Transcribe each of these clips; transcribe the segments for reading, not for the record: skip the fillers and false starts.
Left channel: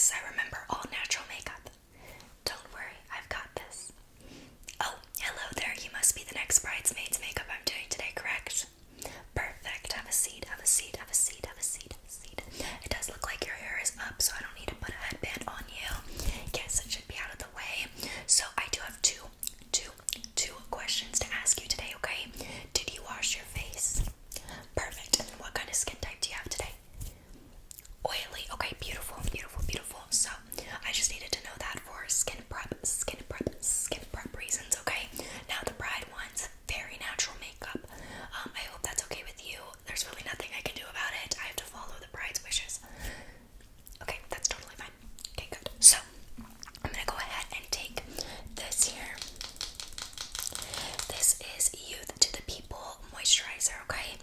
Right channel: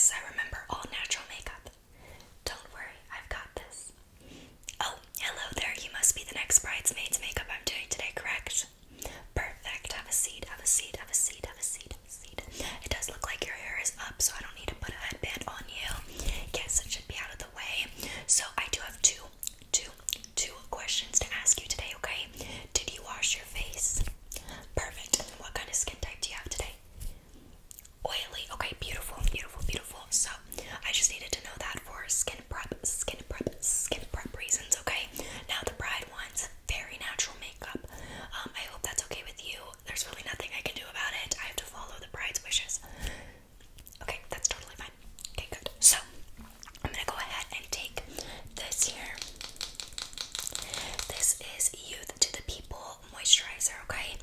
Yes, I remember all natural makeup. Don't worry, I've got this. Oh, hello there. You must be the next bridesmaid's makeup I'm doing today, correct? Perfect. Have a seat, have a seat, have a seat, have a seat, have a seat. It does look like your hair is up, so I don't need to put a headband on you. Yes, it should be out of the way. So I do have two questions to ask you today, okay? Did you wash your face? Perfect. What kind of skin type do you have today? Oily. Okay, beautiful, beautiful, beautiful. So I just needed to know that for skin prep reasons, okay? Now the bride wants very natural makeup. I hope that's okay with you. There's really nothing I can do about it. I have to follow the bride's wishes. Okay, that's totally fine. Okay, good. So I'm gonna go ahead and take this here. This is Youth to the People moisturizer, okay?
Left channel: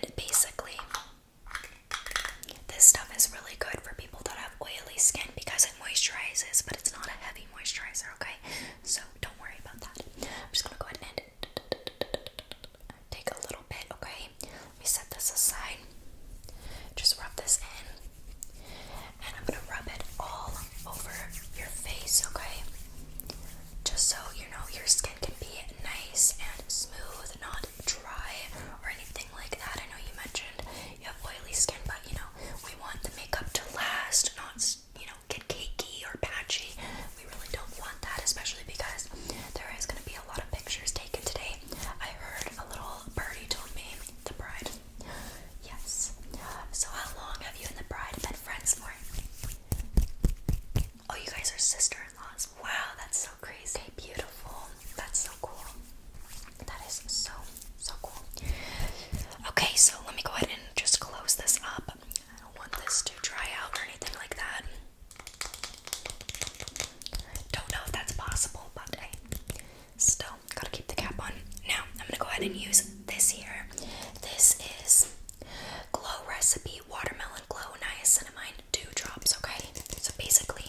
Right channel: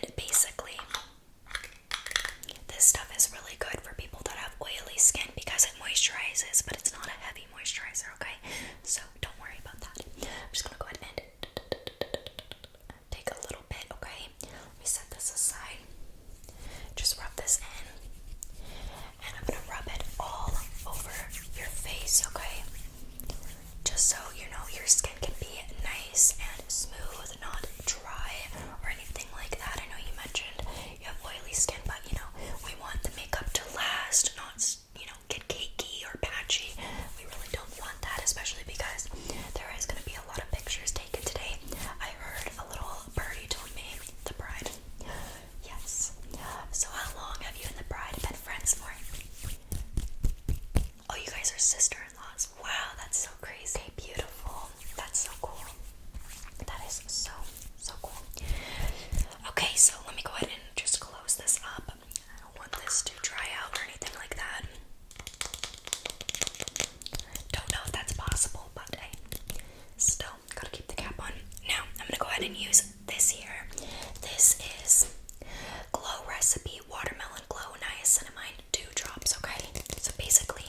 And basically, this stuff is really good for people that have oily skin because it moisturizes, but it's not a heavy moisturizer, okay? So don't worry about that. I'm just gonna go ahead and take a little bit, okay? Let me set this aside. Just rub this in. And I'm gonna rub it all over your face, okay? Just so you know your skin can be nice and smooth, not dry or anything like that. I know you mentioned you have oily skin, but you know, we want the makeup to last, not, you know, get cakey or patchy. We really don't want that, especially because there is going to be a lot of pictures taken today. I heard a little birdie told me, the bride. Yes. So how long have you and the bride been friends for? Oh, you guys are sister-in-laws. Wow, that's so crazy. Beautiful. That's so cool. That is so, so cool. Okay, so let me go ahead and just close this up. I don't want this to dry out or anything like that. Don't know if that's possible, but hey, still gotta keep the cap on. Now, I'm gonna go ahead and use this here. This is Glow Recipe Watermelon Glow Niacinamide Dew Drops, okay? So basically,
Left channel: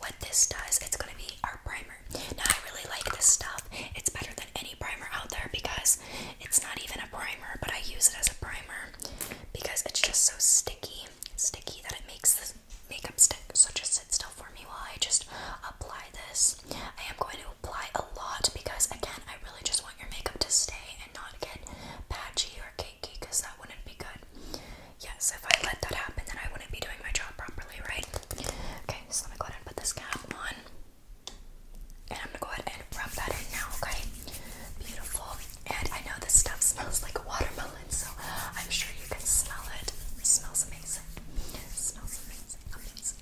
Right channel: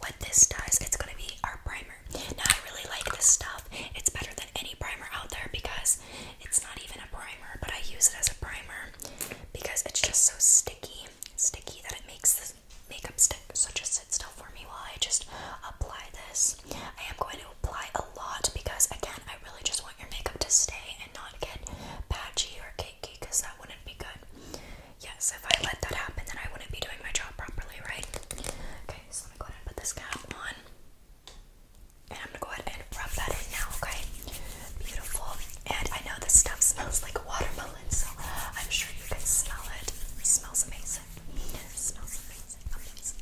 what this does, it's gonna be our primer. Now, I really like this stuff. It's better than any primer out there because it's not even a primer, but I use it as a primer because it's just so sticky that it makes the makeup stick. So just sit still for me while I just apply this. I am going to apply a lot because, again, I really just want your makeup to stay and not get patchy or cakey because that wouldn't be good. Yes, if I let that happen, then I wouldn't be doing my job properly, right? Okay, so let me go ahead and put this cap on. And I'm gonna go ahead and rub that in now, okay? Beautiful. And I know this stuff smells like watermelon, so I'm sure you can smell it. It smells amazing. It smells amazing, amazing,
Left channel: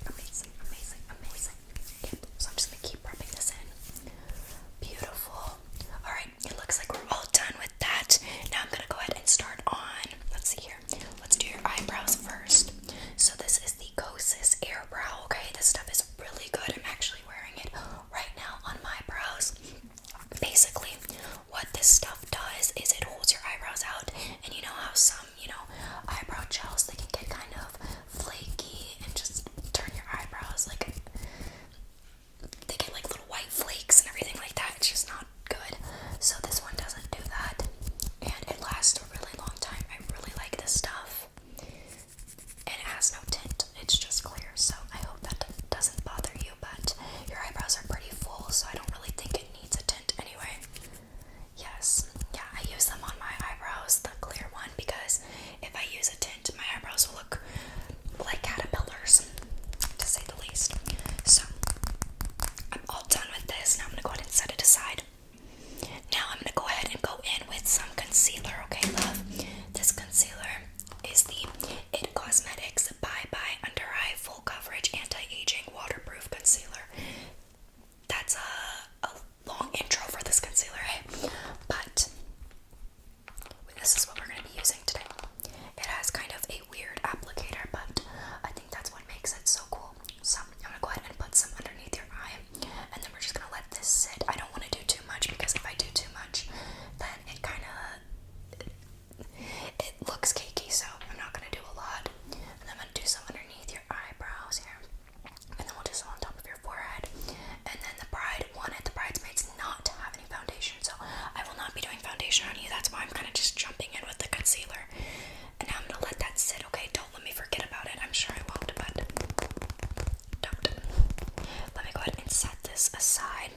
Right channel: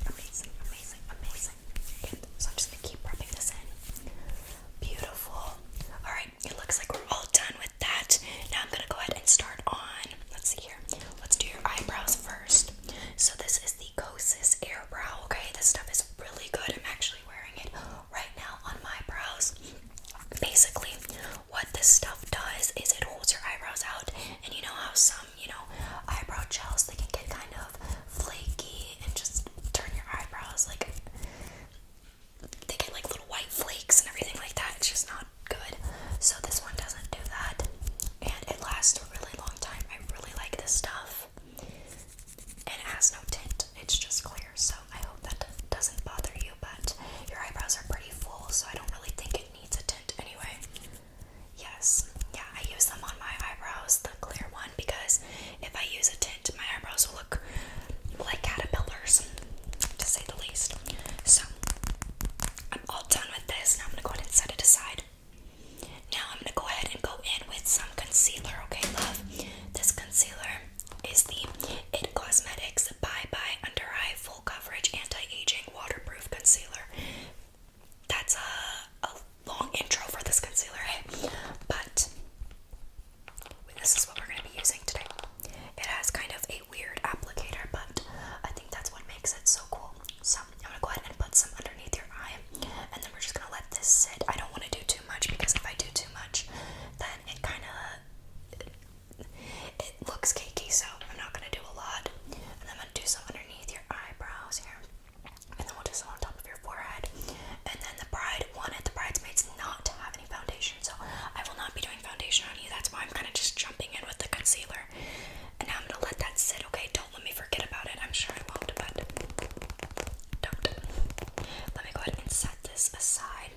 ahead and set this aside.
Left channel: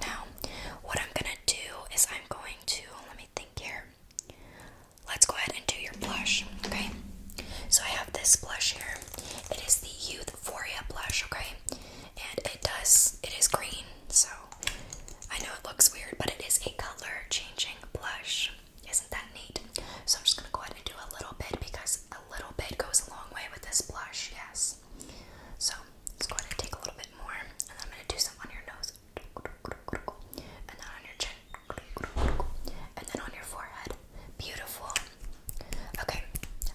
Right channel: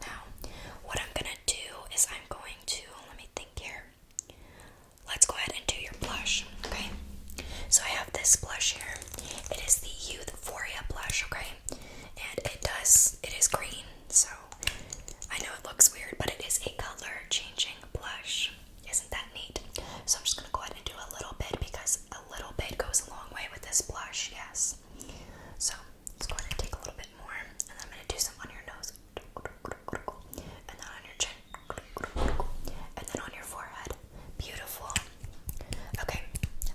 Now, what I'm gonna do is I'm going to, let me think here. Let's go ahead and do your blush, okay? So I have this blush here. It is the Youthforia blush, okay? And it is green, so I know it looks weird, but it is a color changing blush. Isn't that neat? So I'm just gonna go ahead and do a little bit because a little bit goes a long way with this blush, yes. So let's go ahead and take a little bit more, and then I'm gonna do some on your nose, and then on your chin, and then on your forehead. Beautiful. Okay,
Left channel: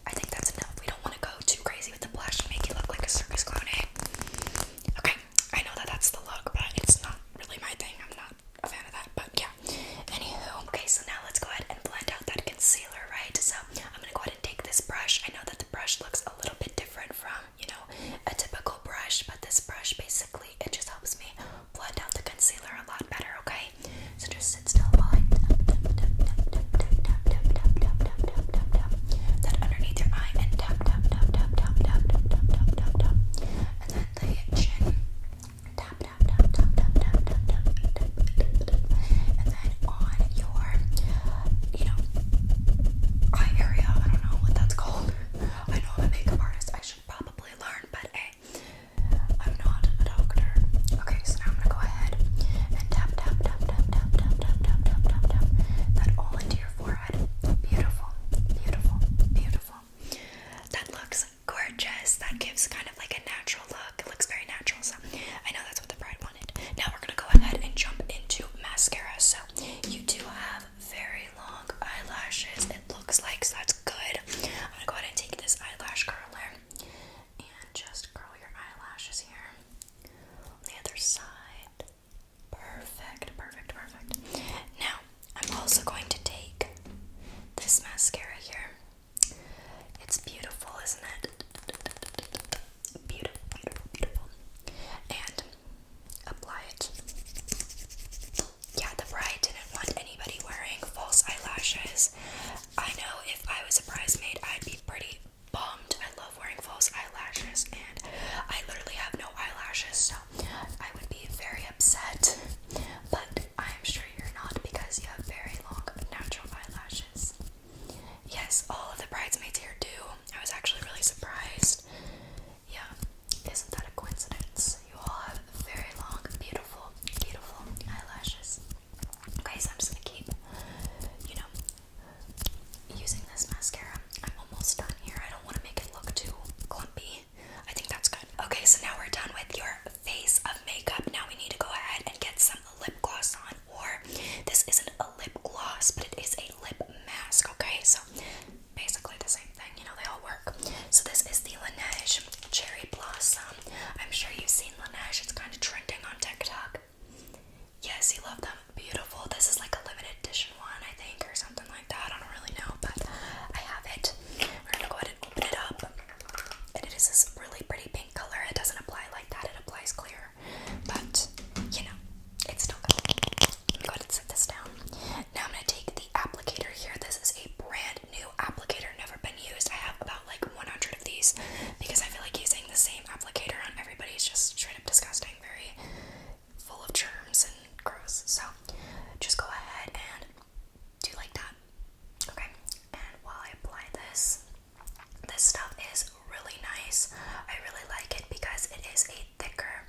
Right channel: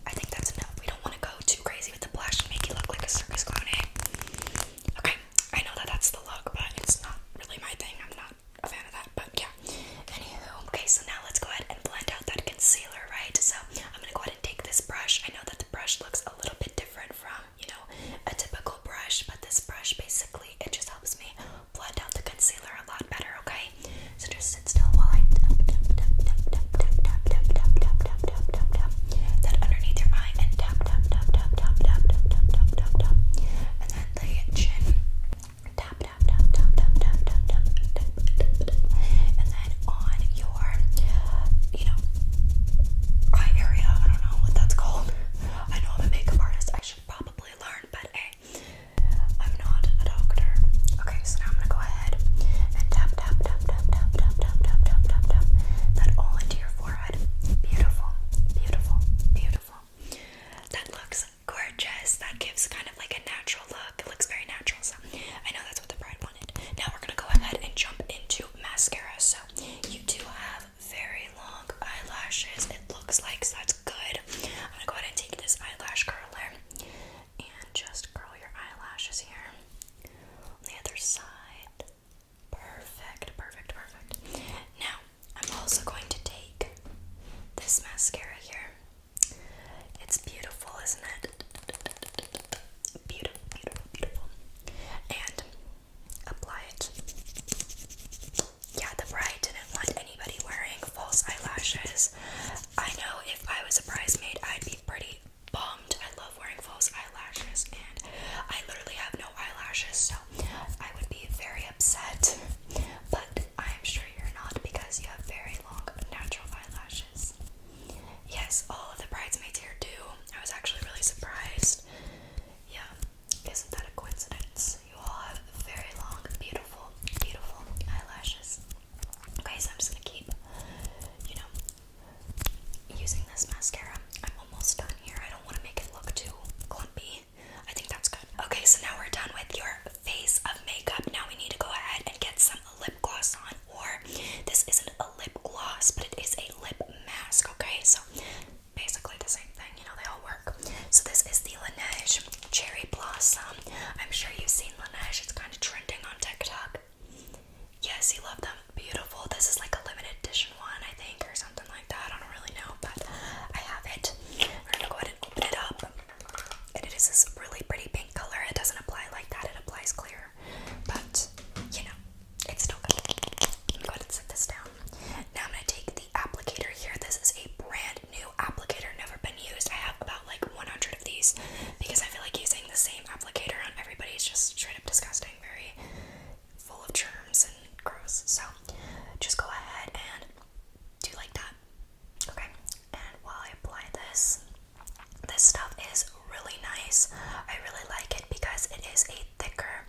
I think that's enough. We don't want to go too crazy with the blush and make you look like a circus clown, eh? Okay, I know that that's the look, but it's not really my thing. I'm not a fan of that, but yeah. Anywho, okay, so now let's go ahead and blend out that concealer, right? So I'm gonna go ahead and take this brush. I know that the brush looks a little bit different from, a typical brush, but this brush basically, it just helps me blend out the concealer a lot better, okay? So just sit still while I tap that underneath your eye and tap, and then the chin, tap, and then on your, eye area. I don't know what that's called. I know I'm a makeup artist. I should probably learn, but hey, I'm not a doctor. Okay, so now I'm gonna go ahead and tap that all into your forehead. Beautiful, beautiful, beautiful. That looks gorgeous. That gives kind of like a natural look. It looks very natural, so I know that's what the bride wanted. Now we're gonna go ahead and jump into mascara. So you do have very long eyelashes, it looks like, so that's good. I'm gonna go ahead and take this eyelash curler and just curl your eyelashes here on the other side. Perfect, perfect, perfect. Now, I'm also going to take this mascara here. It's beautiful, isn't it? Beautiful, beautiful, beautiful. And apply it. Yeah, the bride didn't want anybody wearing false eyelashes. I know if I was a bridesmaid, I'd be pretty bummed. I love wearing false eyelashes, and I literally have no eyelashes, so I would be very upset. But I'm sure you're not, because you have very long natural eyelashes. Yes, all of the bridesmaids here do. I was actually really surprised. Yeah, isn't that a coincidence? You all have very long, beautiful, beautiful eyelashes. Okay, so I'm just gonna keep, using this mascara. I'm almost done here. I don't want to make it look too clumpy. I think that's good. Okay, so now we're done with your face of makeup. Now we need to go ahead and get some lip gloss on, or this isn't a lip gloss, but it is a lip mask, okay? So basically the same thing, they all work. So this is the Laneige Cherry Blossom. I'm sure you've seen Laneige. It's kind of trending on TikTok. Yes, you love them. Beautiful. This is like a limited edition one, I think, or something like that. I don't really know, but I have it. We're gonna go ahead and open it up. And it is this really pretty pink color. It doesn't apply like that. It applies clear. But, it's still good. Let me go ahead and set this down. Now I'm gonna take the applicator here. This is a brand new applicator, never been used. I have about like 100 of these because I feel like using the same applicator on everybody is just straight up disgusting. Very full of germs and gross. So just go ahead and do like that. Okay, and while I apply this stuff is really nice. I really like it because it is a thicker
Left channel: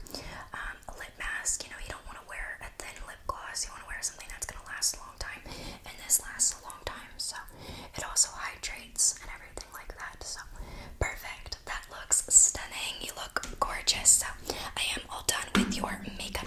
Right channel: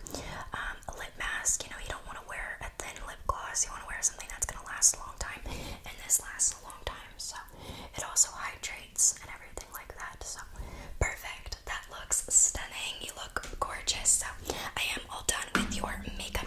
lip mask. You don't want to wear a thin lip gloss. You want to wear something that's going to last a long time, and this lasts a long time. So it also hydrates and everything like that. So perfect. That looks stunning. You look gorgeous. So I am all done with your makeup